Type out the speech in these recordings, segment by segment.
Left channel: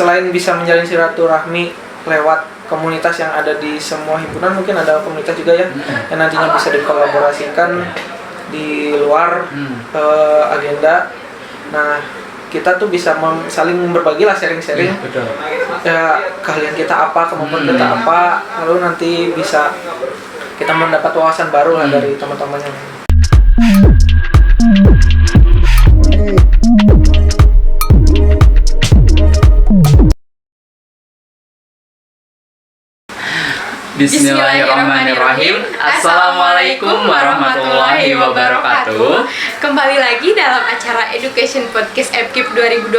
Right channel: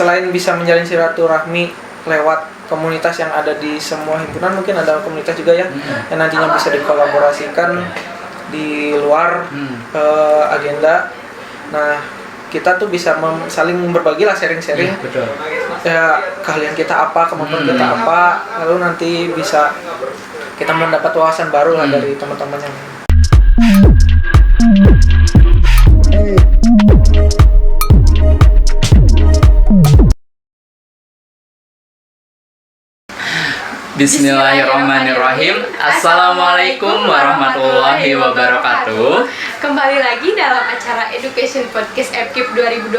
selain bisa menjalin silaturahmi lewat komunitas yang ada di semua himpunan, mungkin ada komunitas juga yang nantinya bisa dikolaborasikan di luar agenda. Nah, kita tuh bisa saling berbagi lah, sharing-sharing ya, keahlian kita apa, kemampuan kita apa, lalu nanti bisa kita mendapat wawasan baru lah dari teman-teman yang Bismillahirrahmanirrahim. Assalamualaikum warahmatullahi wabarakatuh. Kembali lagi dalam acara Education Podcast FKIP 2021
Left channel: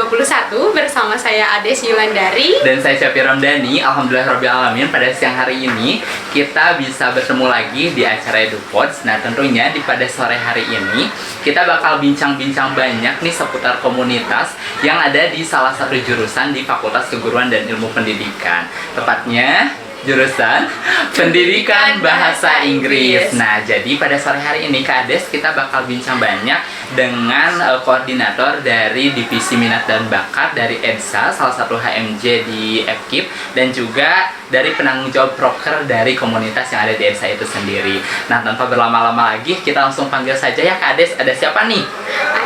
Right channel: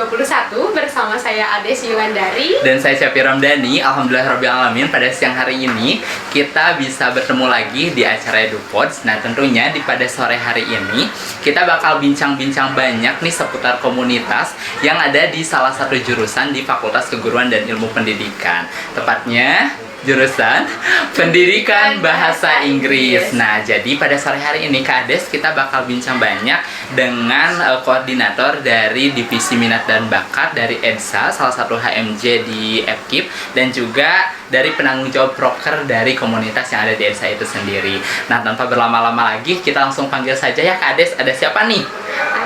bersama saya Ades Yulandari dan saya Syafi Ramdhani. Alhamdulillahirrahmanirrahim, pada siang hari ini kita bisa bertemu lagi di acara EduPods. Nah, tentunya pada sore hari ini kita bakal bincang-bincang banyak nih seputar komunitas yang ada di salah satu jurusan di Fakultas Keguruan dan Ilmu Pendidikan, tepatnya jurusan Pendidikan Bahasa Inggris. Nah, jadi pada sore hari ini Kak Ades kita bakal bincang banyak dengan koordinator dari Divisi Minat dan Bakat dari EDSA, salah satu HMJ di FKIP, dan juga dari penanggung jawab proker dari komunitas yang ada di EDSA itu sendiri. Nah, tanpa berlama-lama lagi, kita langsung panggil saja ya Kak Ades. Ada siapa nih?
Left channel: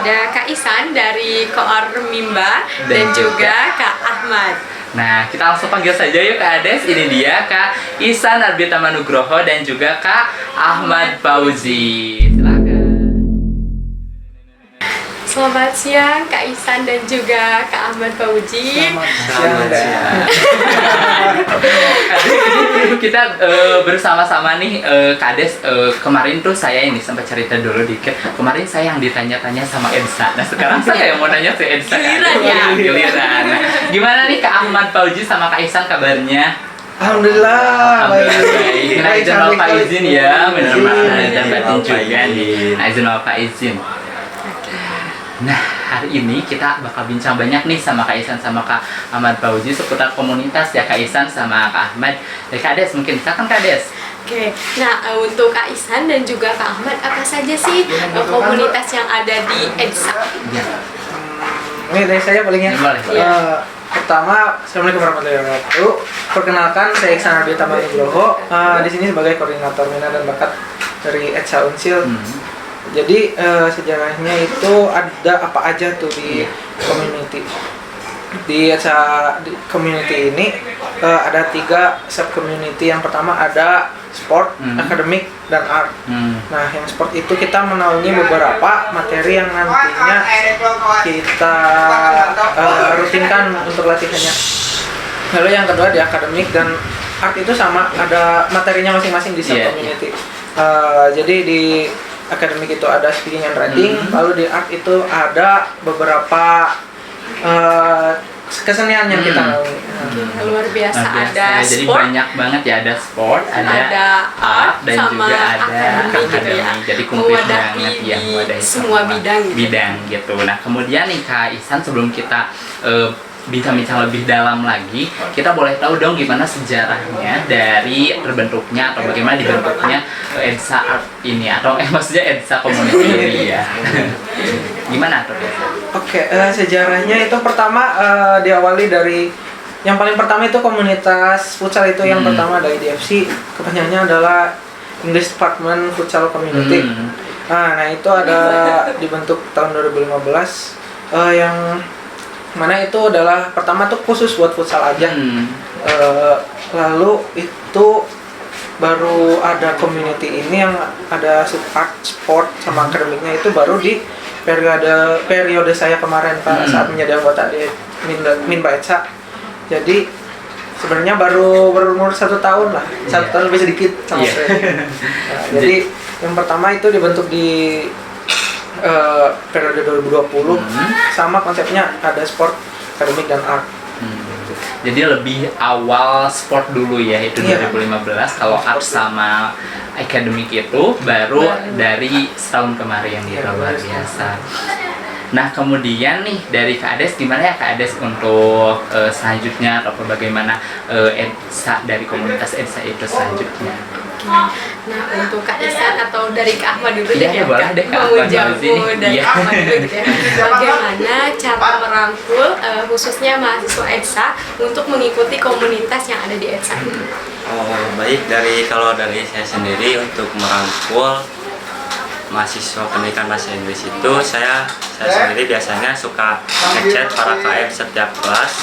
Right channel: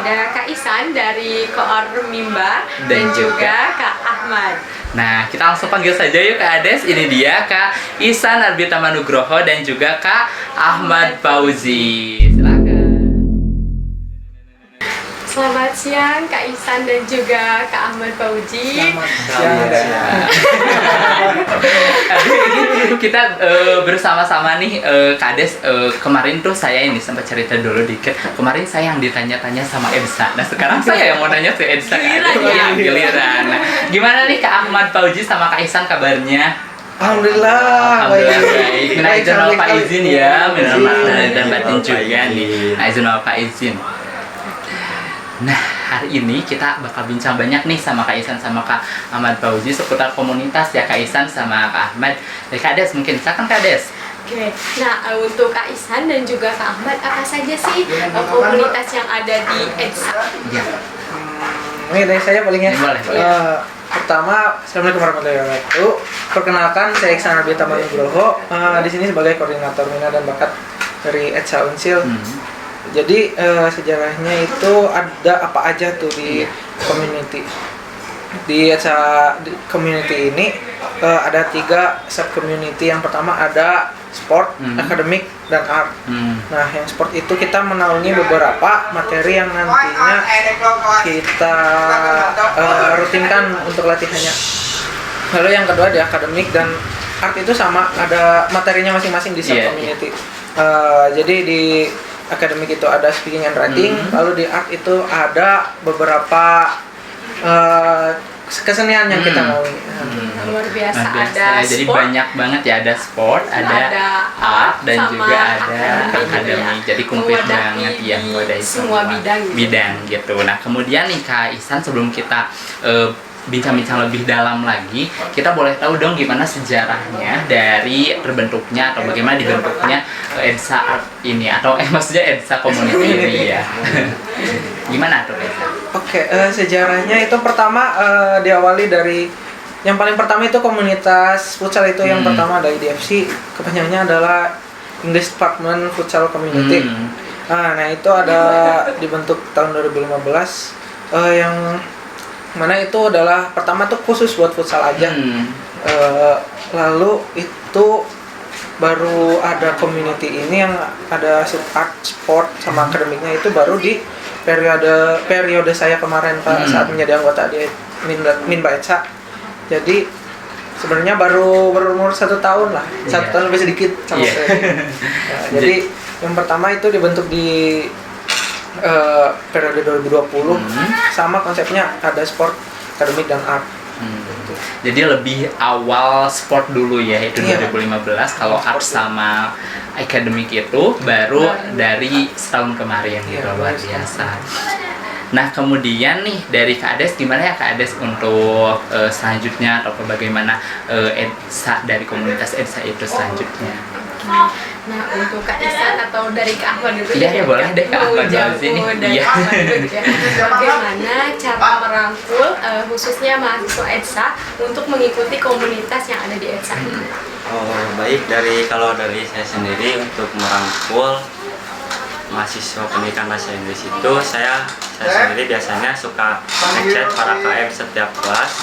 Ada Kak Isan dari Koor Mimba dan juga Kak Ahmad. Nah, kita langsung panggil saja yuk Kak Ades. Ini dia Kak Isan Arbita Manugroho dan juga Kak Ahmad Fauzi. Silakan. Selamat siang Kak Isan dan juga Kak Ahmad Fauzi. Selamat siang. Aduh, kita bersama-sama nih Kak Ades. Kemarin tuh saya ini sempat cerita dulu dikit. Kemarin saya yang ditanya-tanya sama EDSA. Nah, sekarang saya yang mau nanya ke EDSA. Giliran. Nah, gimana nih Kak Ahmad Fauzi sama Kak Isan kabarnya? Alhamdulillah baik. Nah, izin Bapak izin ya, benar-benar dan batin juga nih. Nah, izin Bapak izin. Nah, hari ini kita bakal bincang banyak nih sama Kak Isan sama Kak Ahmad Fauzi seputar komunitas ya Kak Isan sama Kak Ahmad. Kak Ades mungkin silakan Kak Ades. Oke, nah untuk Kak Isan dan juga Kak Ahmad, apa saja sih komunitas yang ada di EDSA? Ini dari saya paling ya. Boleh. Pertama, Assalamualaikum warahmatullahi wabarakatuh. Perkenalkan, saya Iksan Arbita Manugroho. Di sini sebagai koordinator minat dan bakat dari EDSA Unsil. Jadi sejarahnya itu ada apa aja tuh di community. Di community ini ada 3 sub community. Yang pertama ada sport, akademik, dan art. Nah, yang sport itu kita menaungi beberapa materi yang nantinya kita rutinkan untuk latihannya. Lalu yang kedua di akademik dan art itu sama, ada materinya masing-masing di sub community. Jadi di akademik itu ada speaking and writing, lalu di art itu ada beberapa kesenian yang kita lalui. Luar biasa. Ada jadi sport, banyak banget ya, ada sport, ada art, dan juga ada akademik. Jadi komplit banget ya, ada semua bidang gitu. Nah, kemudian nih Kak Isan, sebelum kita bincang-bincang lebih dalam lagi, kita boleh tahu dong gimana sejarahnya dari terbentuknya atau bagaimana dibentuknya EDSA Art ini, atau maksudnya EDSA Community ini ya. Gimana tuh? Oke, sejarahnya itu pertama diawali dari yang paling pertama itu komunitas futsal itu yang pertama dari DFC, kepanjangannya adalah English Department Futsal Community. Nah, itu ada dibentuk tahun 2015 yang mana itu adalah pertama tuh khusus buat futsal aja. Lalu itu baru ada community ini yang ada art, sport, sama akademiknya itu baru di periode saya kemarin saat menjadi anggota di Minba EDSA. Jadi sebenarnya baru berumur 1 tahun lah, 1 tahun lebih sedikit sama saya. Nah, jadi yang pertama itu dibentuk di periode 2020, sama konsepnya ada sport, akademik, dan art. Jadi lebih awal sport dulu ya, itu 2015. Kalau art sama akademik itu baru dari setahun kemarin gitu, luar biasa. Nah, kemudian nih dari Kak Ades, gimana ya Kak Ades untuk selanjutnya atau bagaimana EDSA dari komunitas EDSA itu selanjutnya? Nah, untuk Kak Isan atau dari Kak Ahmad dulu Iya, deh, boleh deh, Kak mau Ahmad jawab dulu sini. dari Iya. Kak Ahmad dulu ya. Bagaimana cara merangkul khususnya mahasiswa EDSA untuk mengikuti komunitas yang ada di EDSA? Oh, baik, kalau dari saya sendiri untuk merangkul mahasiswa pendidikan bahasa Inggris itu saya sendiri biasanya suka ngechat para KM setiap kelas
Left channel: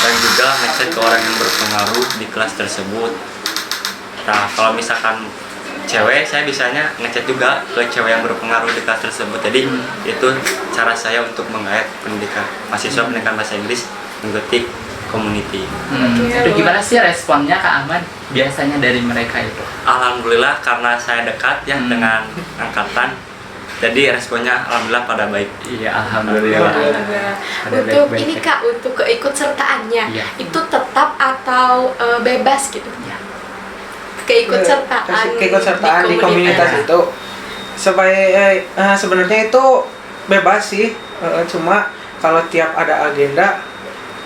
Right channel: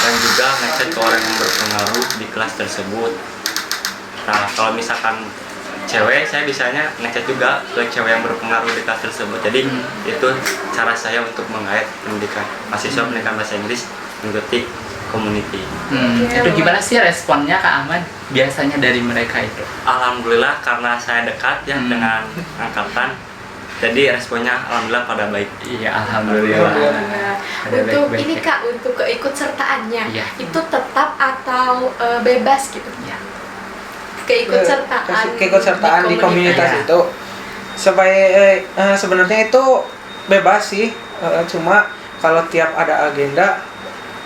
dan juga ngechat ke orang yang berpengaruh di kelas tersebut. Nah, kalau misalkan cewek, saya biasanya ngechat juga ke cewek yang berpengaruh di kelas tersebut. Jadi itu cara saya untuk mengait mahasiswa pendidikan bahasa Inggris mengikuti community. Itu gimana sih responnya Kak Ahmad biasanya dari mereka itu? Alhamdulillah karena saya dekat ya dengan angkatan, jadi responnya alhamdulillah pada baik. Iya, alhamdulillah. Untuk ini Kak, untuk keikutsertaannya Iya. itu tetap atau bebas gitu? Iya. Keikutsertaan di komunitas Iya. itu sebenarnya itu bebas sih, cuma kalau tiap ada agenda,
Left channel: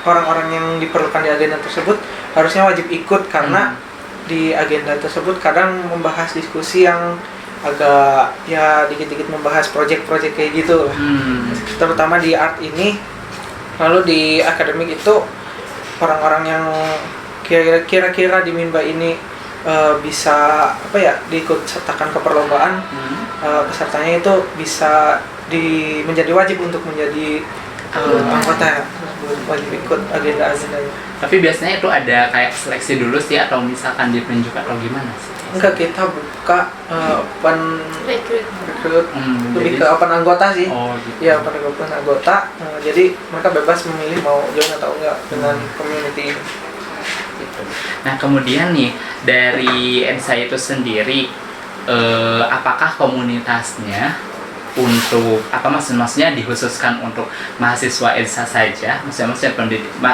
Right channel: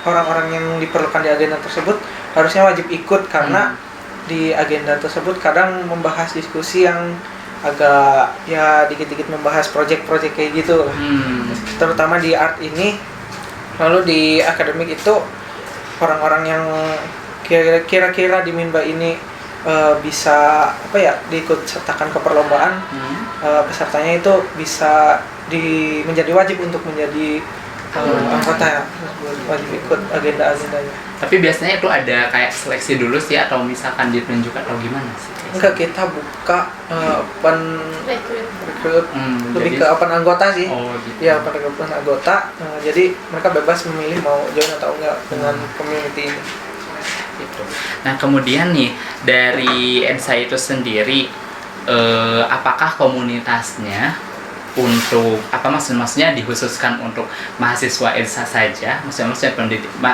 orang-orang yang diperlukan di agenda tersebut harusnya wajib ikut karena di agenda tersebut kadang membahas diskusi yang agak ya dikit-dikit membahas project-project kayak gitu, terutama di art ini. Lalu di akademik itu orang-orang yang kira-kira di Minba ini bisa diikut sertakan ke perlombaan, pesertanya itu bisa menjadi wajib untuk menjadi anggota, wajib ikut agenda-agendanya. Tapi biasanya itu ada kayak seleksi dulu sih atau misalkan ditunjuk atau gimana sih? Enggak, kita buka open rekrut, lebih jadi- ke open anggota sih. Oh, gitu. Iya, open anggota. Jadi mereka bebas memilih mau join atau enggak dengan community ini. Gitu. Nah, kemudian nih dari EDSA itu sendiri, apakah komunitasnya untuk maksudnya dikhususkan untuk mahasiswa EDSA saja, maksudnya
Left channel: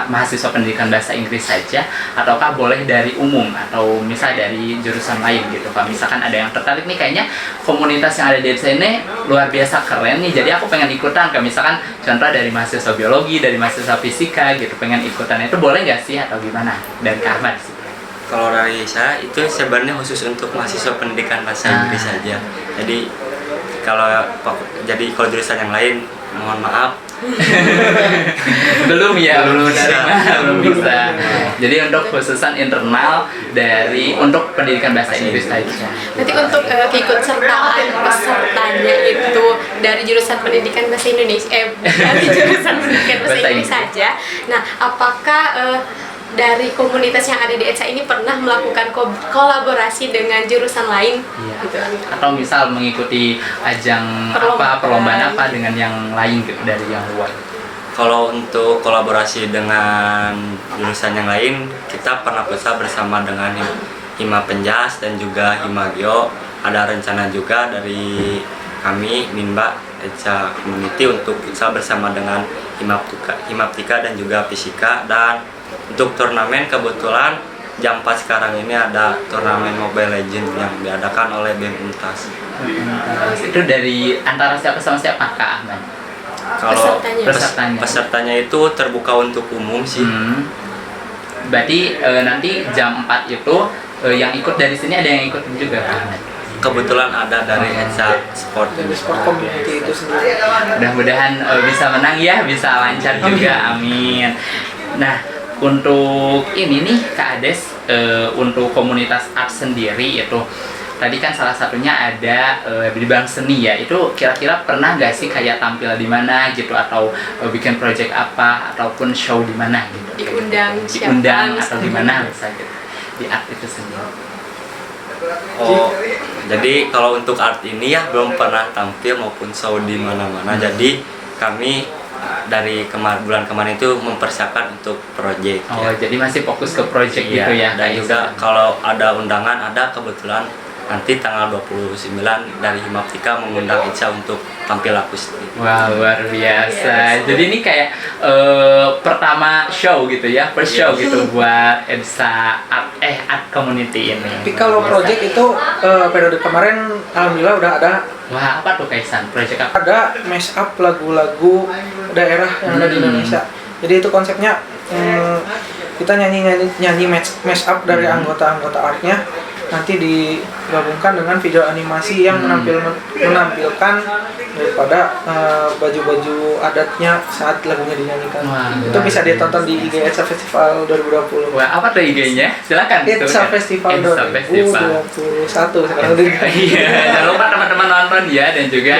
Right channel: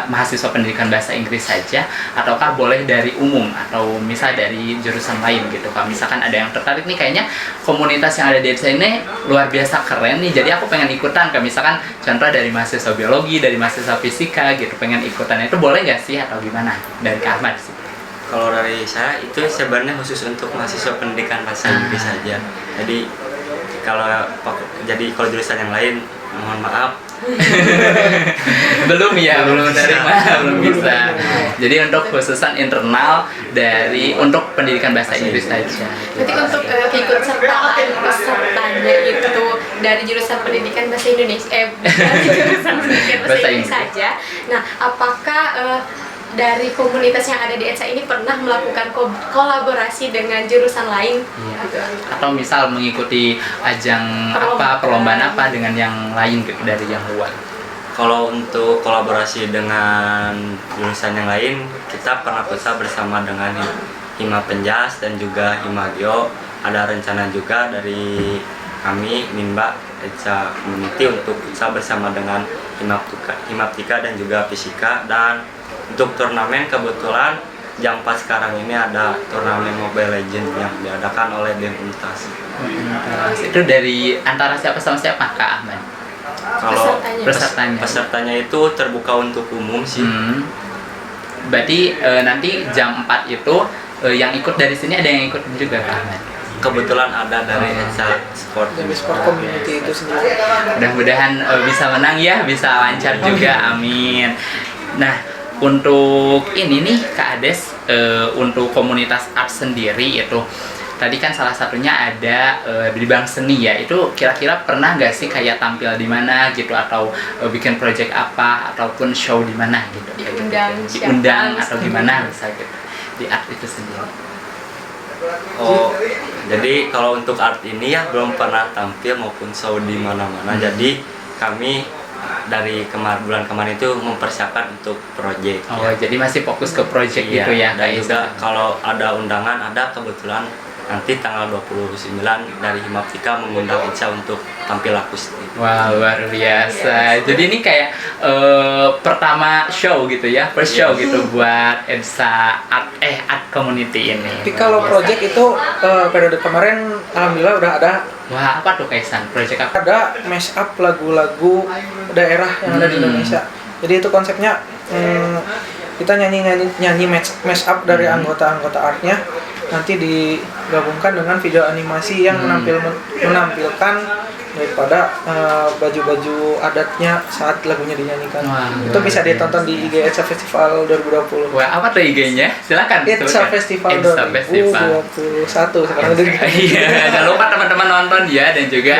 mahasiswa pendidikan bahasa Inggris saja, ataukah boleh dari umum atau misal dari jurusan lain gitu? Kalau misalkan ada yang tertarik nih, kayaknya komunitas yang ada di EDSA ini luar biasa keren nih, jadi aku pengen ikutan, kayak misalkan contoh dari mahasiswa biologi, dari mahasiswa fisika gitu, pengen ikutan, itu boleh nggak sih atau gimana dari Kak Ahmad sih? Kalau dari saya itu sebenarnya khusus untuk mahasiswa pendidikan bahasa Inggris saja. Kalau jurusan yang lain mohon maaf. belum Belum bisa. belum bisa. Jadi untuk khususan internal untuk pendidikan bahasa Inggris saja. Nanti untuk keikutsertaan pesertanya itu dari jurusan pendidikan bahasa Indonesia, dari jurusan pendidikan bahasa Inggris saja. Nah, apakah dari komunitas yang ada di EDSA ini pernah melakukan kolaborasi dengan jurusan lain? Iya. Gitu. Atau misal mengikuti ajang perlombaan apa dengan yang lain gitu dari yang luar. Kalau untuk kolaborasi dengan jurusan yang lain, kita pernah futsal bersama dengan Hima Penjas dan juga Hima Geo. Ada rencana juga dari kami Minba EDSA Community untuk futsal bersama dengan Himaptika dan juga Fisika. Dan untuk turnamen kebetulan jam 4 sekarang ini ada turnamen Mobile Legends yang diadakan oleh BEM Untas. Itu dari antara siapa sama siapa Kak Ahmad? Kalau Pesertanya. pesertanya itu terbuka untuk umum sih. Berarti nanti jam 4 itu yang ikut dari sini ada yang ikut juga Kak Ahmad? Kebetulan ada dari EDSA Sport. Jadi sport community itu sendiri. Mudah-mudahan bisa menang ya, bisa lancar juga, amin. Nah, untuk ini nih Kak Ades, untuk komunitas art sendiri itu tadi kan salah satunya ada di bidang seni ya, itu kira-kira pernah nggak sih kayak tampil di mana gitu, atau bikin project apa ataupun show di mana gitu, diundang atau gimana bisa gitu di art itu sendiri. Oh, jadi kalau untuk art ini ya belum pernah tampil maupun show di mana-mana. Jadi kami dari bulan kemarin itu mempersiapkan untuk project. Jadi masih fokus ke project Iya, gitu ya. dan juga kalau ada undangan, ada kebetulan nanti tanggal 29 dari Himaptika mengundang EDSA untuk tampil akustik. Wah, luar biasa. Jadi ini kayak pertama show gitu ya, first show gitu buat EDSA art community ini. Tapi kalau project itu periode kemarin alhamdulillah udah ada. Wah, apa tuh Kaisan? Project apa? Ada mash up lagu-lagu daerah yang ada di Indonesia. Jadi itu konsepnya kita nyanyi mash up dari anggota-anggota artnya. nanti digabungkan dengan video animasi yang menampilkan daripada baju-baju adatnya saat lagunya dinyanyikan. Wah, Itu bisa ditonton di IG Etsa Festival 2020. Wah, apa tuh IG-nya? Silakan. Etsa Festival Etsa Festival. 2021 sekarang udah. Iya, jangan lupa teman-teman nonton ya, dan juga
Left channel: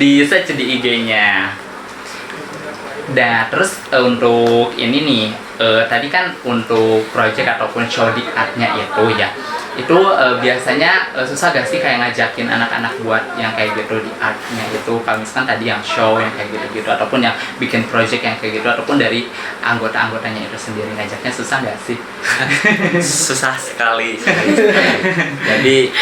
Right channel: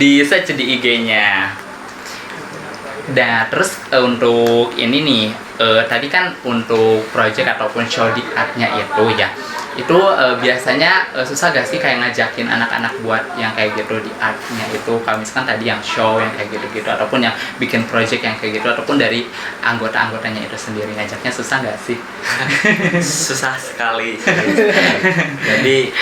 di search di IG-nya. Nah, terus untuk ini nih, tadi kan untuk project ataupun show di art-nya itu ya, itu biasanya susah gak sih kayak ngajakin anak-anak buat yang kayak gitu di art-nya itu, kalau misalkan tadi yang show yang kayak gitu-gitu, ataupun yang bikin project yang kayak gitu, ataupun dari anggota-anggotanya itu sendiri, ngajaknya susah gak sih? Susah sekali. Jadi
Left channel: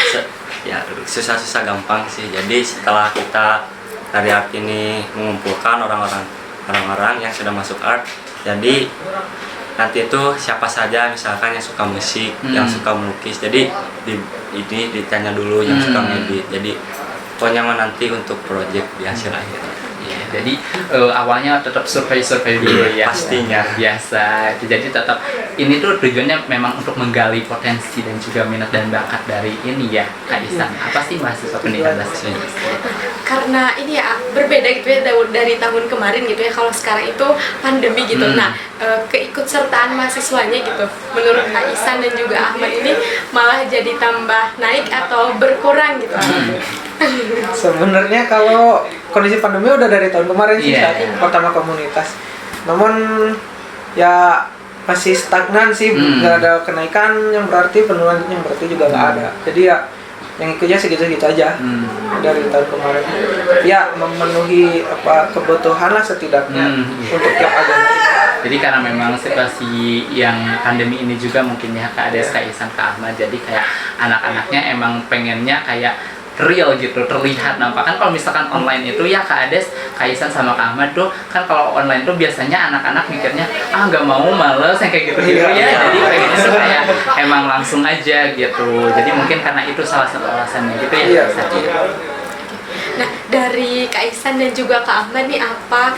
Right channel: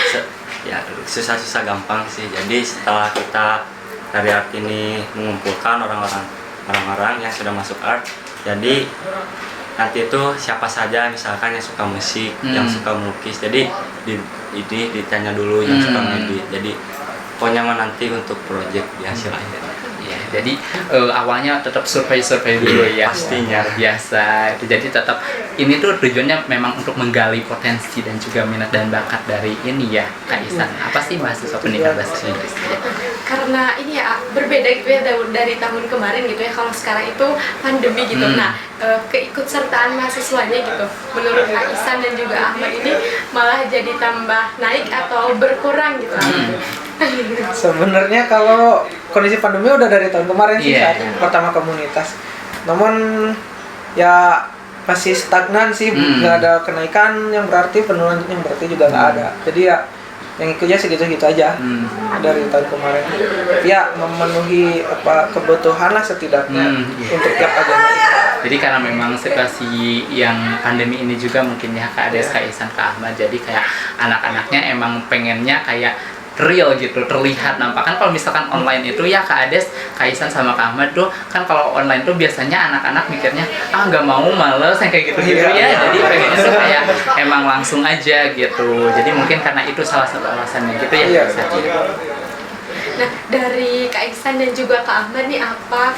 ya susah-susah gampang sih. Jadi setelah kita dari art ini mengumpulkan orang-orang yang sudah masuk art, jadi nanti itu siapa saja misalkan yang suka musik, yang suka melukis, jadi ini ditanya dulu yang suka ngedit. Jadi pokoknya mah nanti untuk project di hasil akhirnya. Jadi awalnya tetap survei dulu ya. Pastinya. Biasa. Jadi tetap ini tuh tujuannya memang untuk menggali potensi dan juga minat dan bakat dari ini ya, Kak Isan. Apa sih mahasiswa pendidikan bahasa Inggris? Karena ini ya berbeda gitu ya dari tahun kemarin gitu ya. Kalau sekarang itu pandemi gitu. Nah, keikutsertaan mahasiswanya gitu, menurut Kak Isan dan juga Ahmad ini malah jadi tambah naik atau berkurang gitu. Sebenarnya kalau kondisi pandemi udah dari tahun kemarin sih saat pertama komunitas. Namun ya masih stagnan sih, nggak ada kenaikan yang berarti, penurunan yang berarti juga nggak ada. Jadi ya yang ikutnya segitu-gitu aja dari tahun kemarin. Ya memenuhi kebutuhan lah setidaknya untuk yang agama. Jadi karena memang situasi yang pandemi ini juga mungkin ya Kak Ades, Kak Isan, Kak Ahmad, jadi kayak anak-anaknya emang pengennya kayak real gitu, terlihat nampak. Kan kalau misalkan online itu ya Kak Ades, Kak Isan sama Kak Ahmad tuh kan kalau online tuh biasanya anak-anak mikirnya nggak mau, males yang kayak gitu-gitu ya. Jadi pengennya tuh kayak emang langsung aja gitu. Jadi mungkin karena itu salah satu alasannya gitu ya. Nah, dari Kak Iksan dan juga Kak Ahmad nih, apa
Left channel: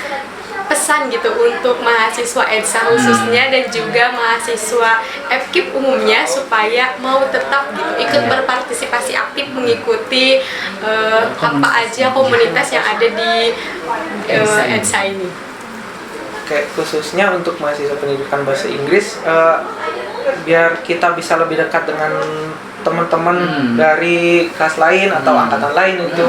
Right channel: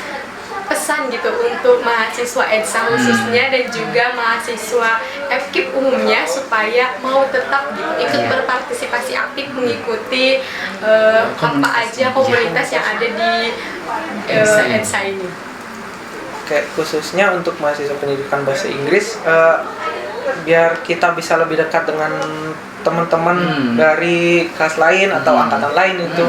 pesan gitu untuk mahasiswa EDSA khususnya dan juga mahasiswa FKIP umumnya supaya mau tetap gitu ikut berpartisipasi aktif mengikuti apa aja komunitas yang ada di EDSA ini? Kayak khususnya untuk mahasiswa pendidikan bahasa Inggris, biar kita bisa lebih dekat dengan teman-teman dari kelas lain atau angkatan lain, itu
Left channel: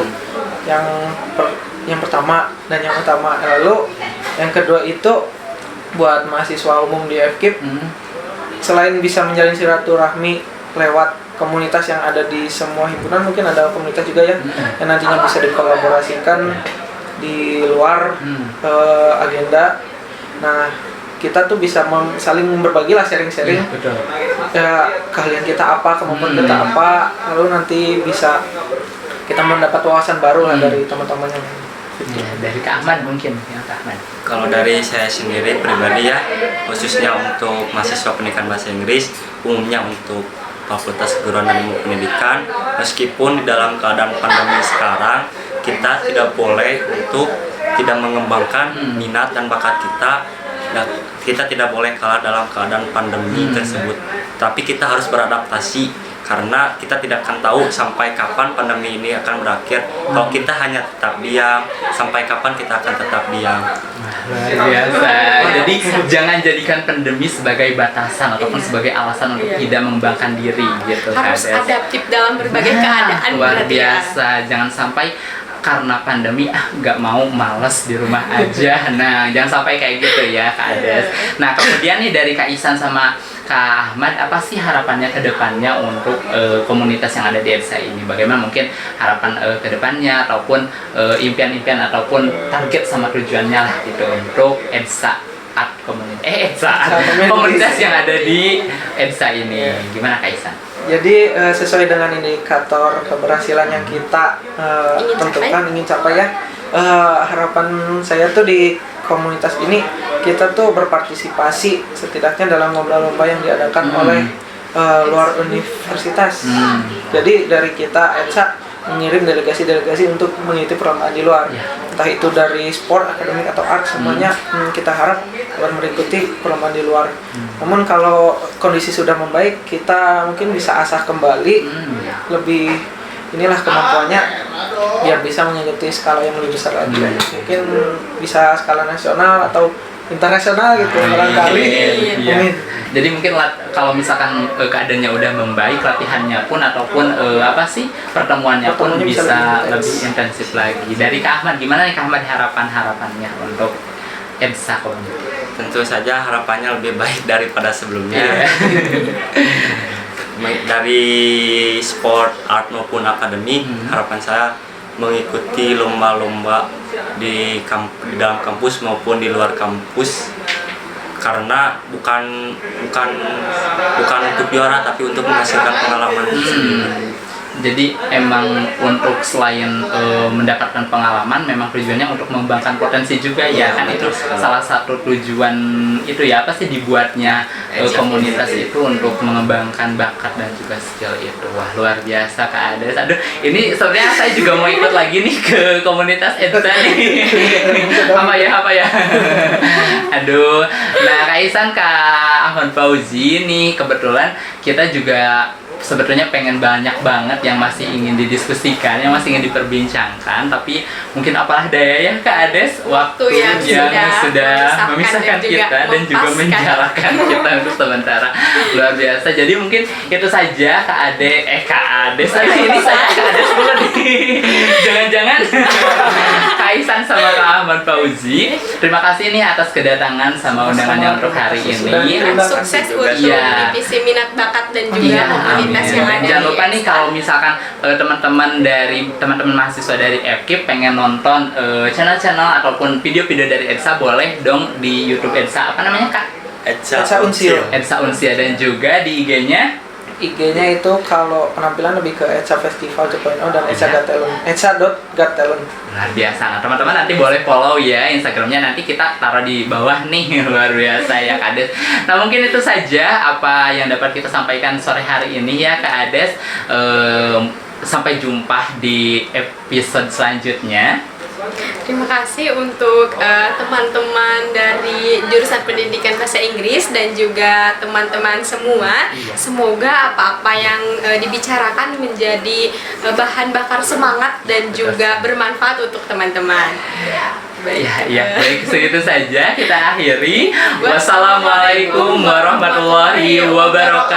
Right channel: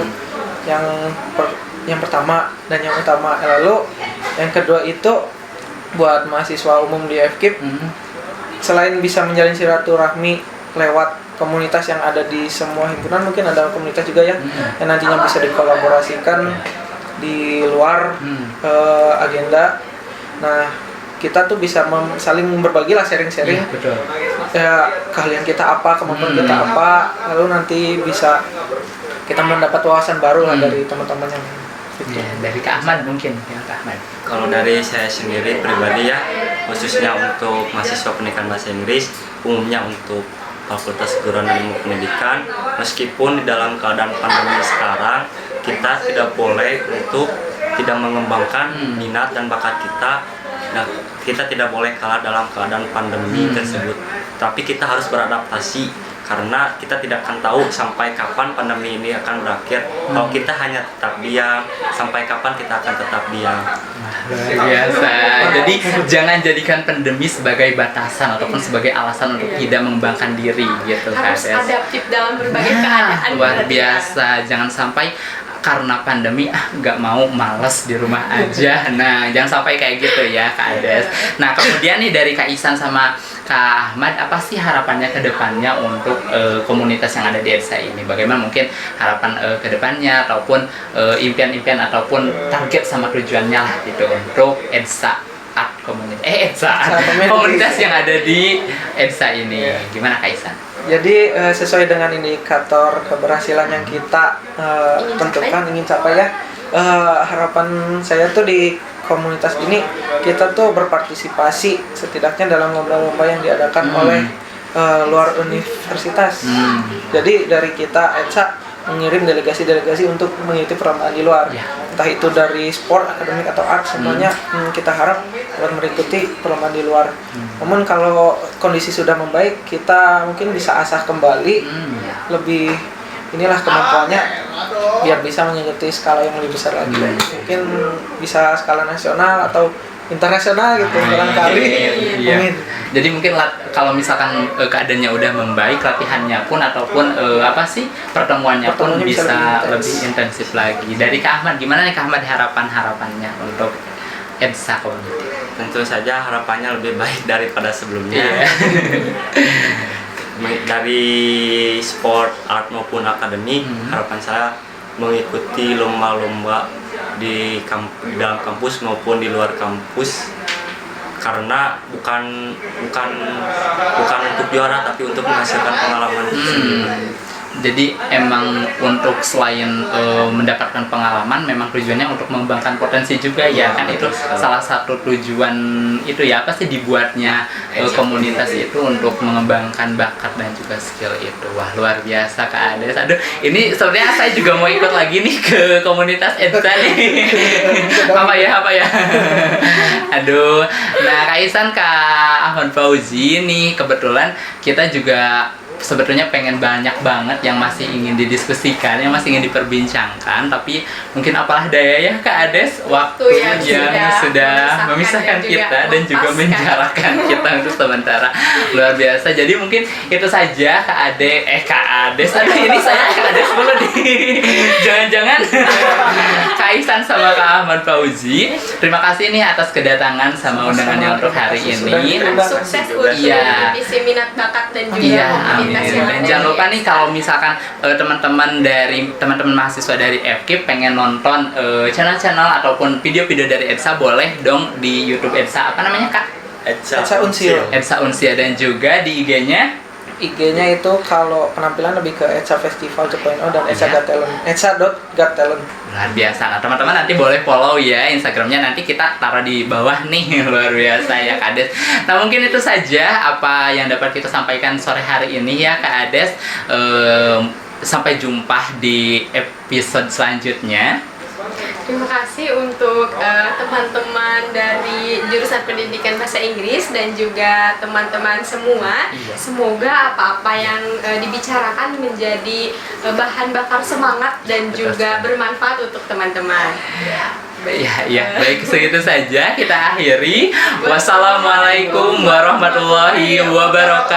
yang pertama dan yang utama. Lalu yang kedua itu buat mahasiswa umum di FKIP, selain bisa menjalin silaturahmi lewat komunitas yang ada di semua himpunan, mungkin ada komunitas juga yang nantinya bisa dikolaborasikan di luar agenda. Nah, kita tuh bisa saling berbagi lah, sharing-sharing keahlian kita apa, kemampuan kita apa, lalu nanti bisa kita mendapat wawasan baru lah dari teman-teman yang dari Kak Ahmad mungkin ya, Kak Ahmad. Kalau dari saya sendiri pribadi ya, khususnya untuk mahasiswa pendidikan bahasa Inggris, umumnya untuk Fakultas Keguruan dan Ilmu Pendidikan, meskipun di dalam keadaan pandemi sekarang, kita tidak boleh untuk tidak mengembangkan minat dan bakat kita. Dan kita tidak boleh kalah dalam keadaan pandemi tersebut. Tapi kita harus beradaptasi, karena kita tidak akan tahu sampai kapan pandemi ini akan berakhir. Kalau kita hanya tetap diam, sampai kapan kita akan tetap diam. Luar biasa. Jadi jangan jadikan pandemi sebagai batasan ataupun sebagai alasan untuk tidak mengembangkan diri gitu. Harus adaptif dalam berbagai keadaan. Luar biasa. Jangan sampai karena pandemi nggak mau, males di rumah aja. Nah, jangan sampai kayak gitu ya Kak Ades. Nah, kemudian nih dari Kak Isan sama Kak Ahmad, apa sih harapannya ke depannya untuk komunitas yang ada di EDSA ini? Bagaimana mungkin harapan ke depannya ataupun impian-impian ataupun target sama tujuannya lah gitu untuk EDSA Art komunitas yang ada di EDSA ini. Gimana Kak Isan? Jadi sesuai dengan indikator keberhasilan yang kita tentukan, ingin capai ya, harapan saya tuh di komunitas ini kita tuh berpartisipasi setidaknya dalam lomba-lomba yang diadakan oleh luar universitas. Jadi dari kita EDSA mengirim delegasi-delegasi untuk mengikuti perlombaan di luar. Ya. Entah itu dari sport, akademik atau art, semuanya kita harap dapat mengikuti perlombaan di luar. Namun kalau kondisi sudah membaik, kita mungkin bisa asah kembali lebih inilah kemampuannya biar bisa mengikuti skala yang lebih besar lagi. Mungkin bisa skala nasional atau internasional gitu barangkali. Iya. Jadi mungkin kalau misalkan keadaannya udah membaik, latihannya pun ataupun pertemuannya pun Pertemuannya bisa bisa lebih lebih intens. intensif lagi. Dari Kak Ahmad, gimana nih Kak Ahmad harapannya untuk EBSA Community? Tentu saja harapannya lebih baik daripada sebelumnya. Dari sport, art maupun akademik, harapan saya mengikuti lomba-lomba di dalam kampus maupun di luar kampus, karena bukan untuk juara tapi untuk menghasilkan pengalaman sendiri. Jadi emang untuk selain mendapatkan pengalaman, memang tujuannya untuk mengembangkan potensi juga ya, kan itu salah satu tujuan itu ya, apa sih dibuatnya komunitas itu untuk mengembangkan bakat dan juga skill itu. Wah, luar biasa Kak Ades. Aduh, ini sebenarnya saya juga mau ikut lagi nih ke komunitas EBSA nih. apa ya? Aduh, nah Kak Ihsan, Kak Ahmad Fauzi nih, kebetulan kita juga sebetulnya pengen banyak banget yang masih ingin didiskusikan, yang masih ingin diperbincangkan, tapi mungkin apalah daya ya Kak Ades, waktu yang sudah memisahkan kita dan juga menjarakan kita untuk sementara. Luar biasa. Jadi mungkin itu saja Kak Ades. Aduh, ini saya Kak Ades dulu nih. Jangan-jangan Kak Ihsan sama Kak Ahmad Fauzi. Terima kasih nih atas kedatangan sama undangannya untuk hari ini. Sukses untuk divisi minat bakat dan juga Iya, komunitas yang dan ada jangan di lupa nih kalau misalkan teman-teman mahasiswa dari FKIP pengen nonton channel-channel ataupun video-video dari EBSA, boleh dong di YouTube EBSA, apa namanya Kak? EBSA Unsio. EBSA Unsia, dan juga di IG-nya IG-nya itu kalau penampilan lebih ke EBSA Festival 2.0 dan EBSA Got Talent. EBSA.Got Talent. luar biasa. Nah, teman-teman nanti boleh follow ya Instagramnya, nanti kita taruh di bawah nih. Luar biasa ya Kak Ades. Nah, mungkin itu saja apa yang dapat kita sampaikan sore hari ini ya Kak Ades. Sampai jumpa di episode selanjutnya. Terima kasih untuk teman-teman dari jurusan pendidikan bahasa Inggris dan juga teman-teman semua. Semoga apa-apa yang dibicarakan menjadi bahan bakar semangat dan juga bermanfaat untuk teman-teman. Baik, segitu saja kita akhiri. Wassalamualaikum warahmatullahi wabarakatuh.